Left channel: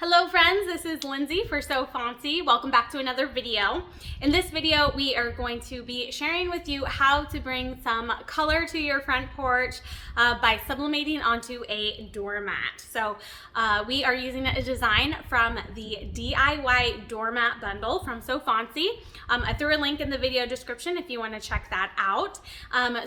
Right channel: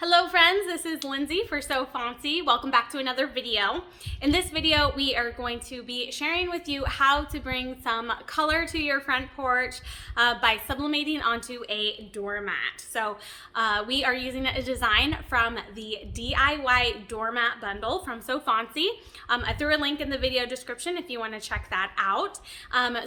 Hello friends, this is Lindsay for Fontsy. Welcome back to another video. In this video, we are going to be sharing with you how to bring some color to your front porch by sublimating onto a doormat. So we are using a design from the DIY doormat bundle from Fontsy. I threw a link in the video description if you want to check that out.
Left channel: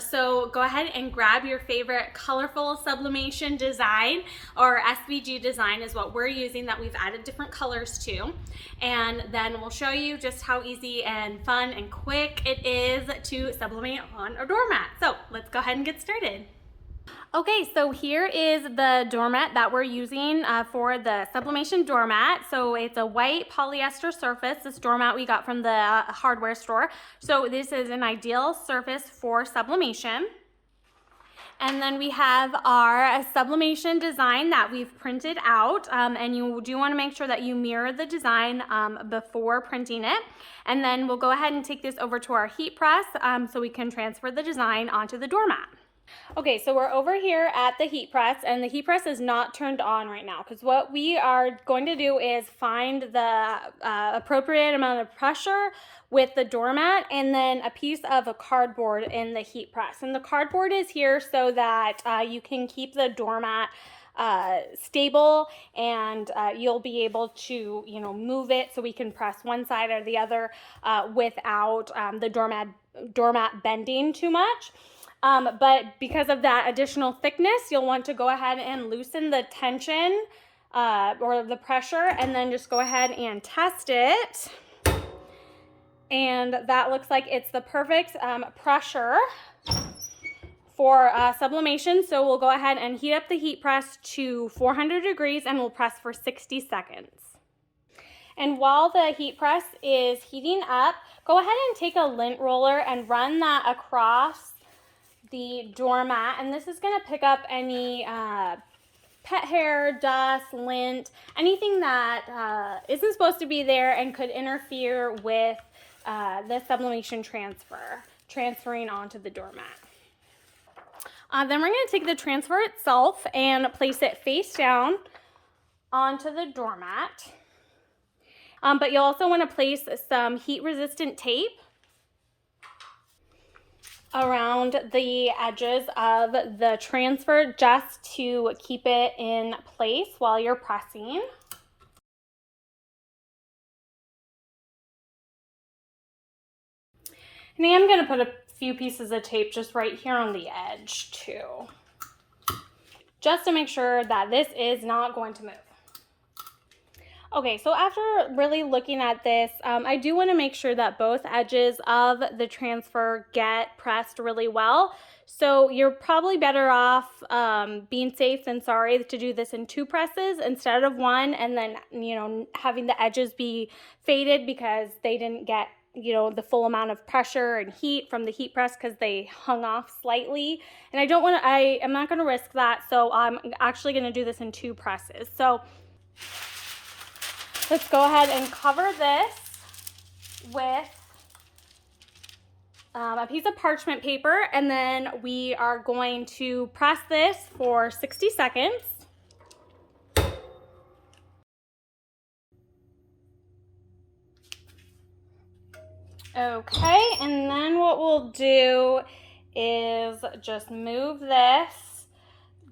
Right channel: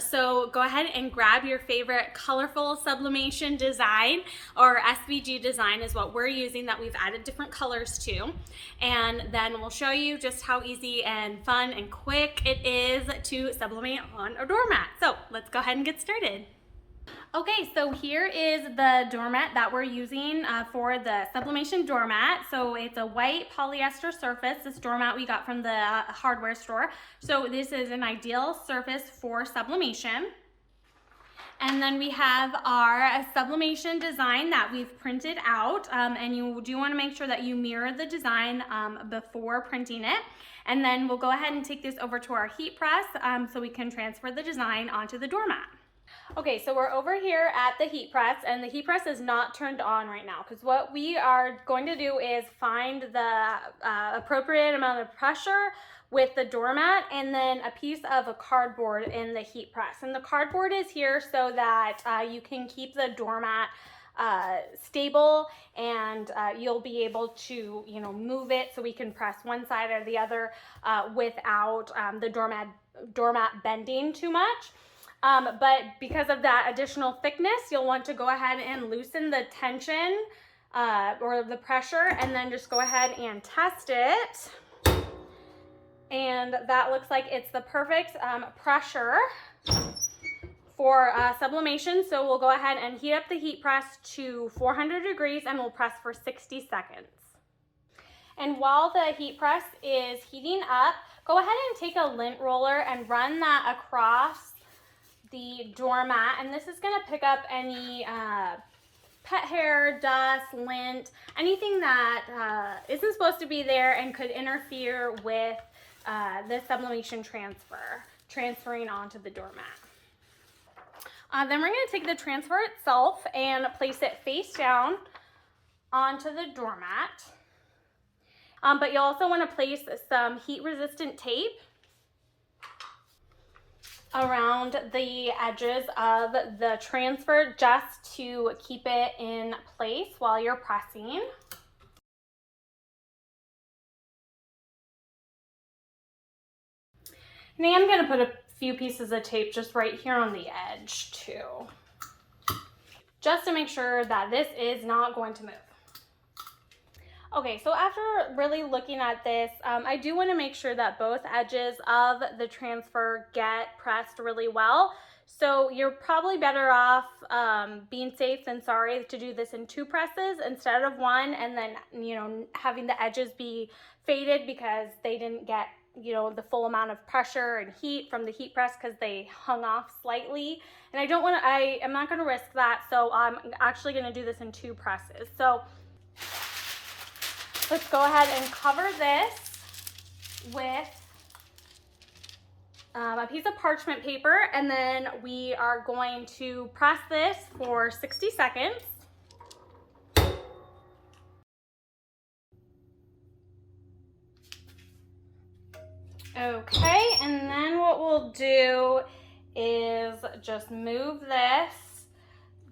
So go ahead and grab your favorite colorful sublimation design, or SVG design is what we're using that we've added different colors to, and then we'll show you just how easy and fun and quick it is to sublimate on a doormat. So let's go ahead and get started. Okay, so here is the doormat that we're using for the sublimation doormat. So it's a white polyester surface. This doormat we got from the hardware store. So this is an ideal surface for sublimation. And then we have our sublimation design that we've printed out, and you do want to make sure that you mirror the design before printing it. And then we'll go ahead and take this over to our heat press so we can transfer the design onto the doormat. Okay, so we're over here at the heat press, and the heat press is not turned on right now because what we are going to do is find the appropriate amount of pressure with the doormat and then a piece of a cardboard in the heat press. And the cardboard is here so that you can keep the doormat stable, and you'll be able to move it so we can press one side or the other without the doormat bending too much. But because of that additional thickness, you'll want to go ahead and loosen the tension or the pressure, and then just go ahead and test it. And that looks like it's the perfect pressure for sublimation. So we'll go ahead and heat up the heat press to 400 degrees and we'll press for 60 seconds. And while the heat press is heating up, go ahead and take a lint roller and run that across the doormat, and this is going to pick up any pet hair, dust, lint, anything that isn't supposed to be there and could interfere with the sublimation transferring onto the doormat. Then we're going to take the transfer itself and place it face down onto the doormat. But you'll also want to place some heat-resistant tape around the edges of the transfer just to keep it in place while you're pressing. And I am going to put a few pieces of tape just right here on the edge too, just to make sure that this is not going to move. Okay, so after really looking at this, I do want to make sure that both edges of the transfer get pressed really well. So you're probably better off being safe than sorry to do this in 2 presses instead of 1, and then having the edges be faded because they didn't get the full amount of pressure and heat from the heat press because they hung off slightly. And I am not going to risk that, so I'm actually going to do this in 2 presses. So let's go ahead and cover this with a piece of parchment paper, and then we are going to press this for 60 seconds. Okay, and then what we'll do is just move this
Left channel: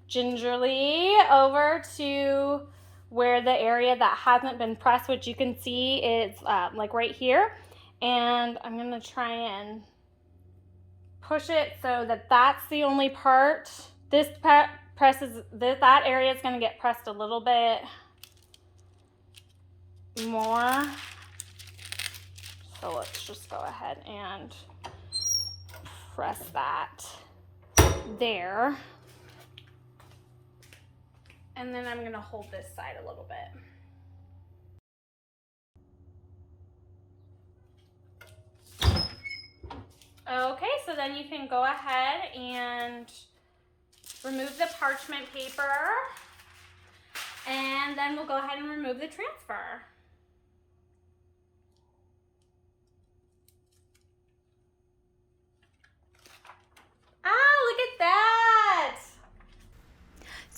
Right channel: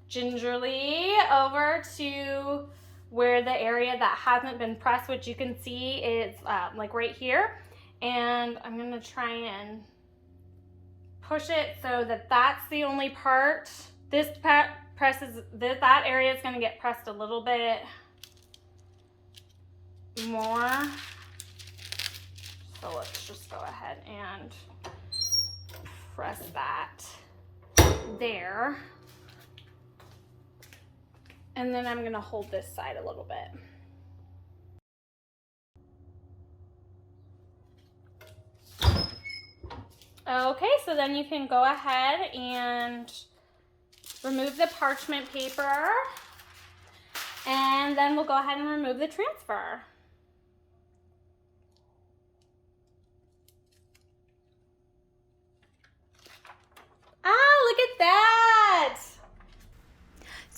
gingerly over to where the area that hasn't been pressed, which you can see is like right here. And I'm gonna try and push it so that that's the only part. That area is gonna get pressed a little bit more. So let's just go ahead and press that there. And then I'm going to hold this side a little bit. Okay, so then you can go ahead and remove the parchment paper, and then we'll go ahead and remove the transfer.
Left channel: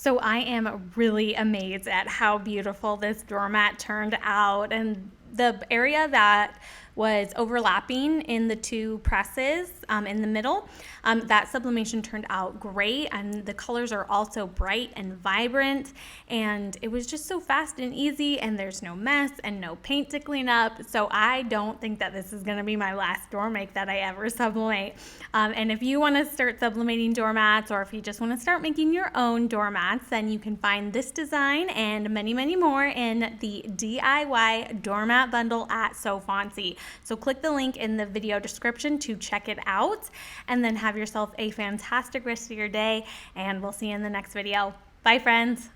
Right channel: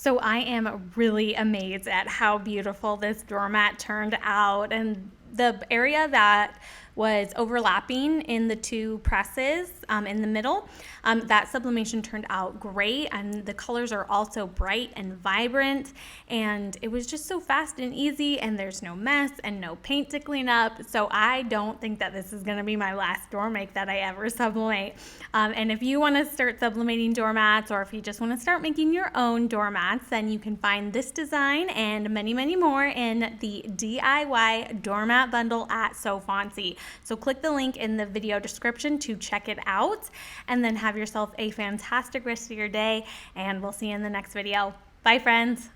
So I am really amazed at how beautiful this doormat turned out, and the area that was overlapping in the two presses in the middle, that sublimation turned out great, and the colors are also bright and vibrant, and it was just so fast and easy, and there's no mess and no paint to clean up. So I don't think that this is going to be my last door make that I ever sublimate. And if you want to start sublimating doormats, or if you just want to start making your own doormats, then you can find this design and many, many more in the DIY doormat bundle at Fontsy. So click the link in the video description to check it out, and then have yourself a fantastic rest of your day, and we'll see you in the next video. Bye, friends.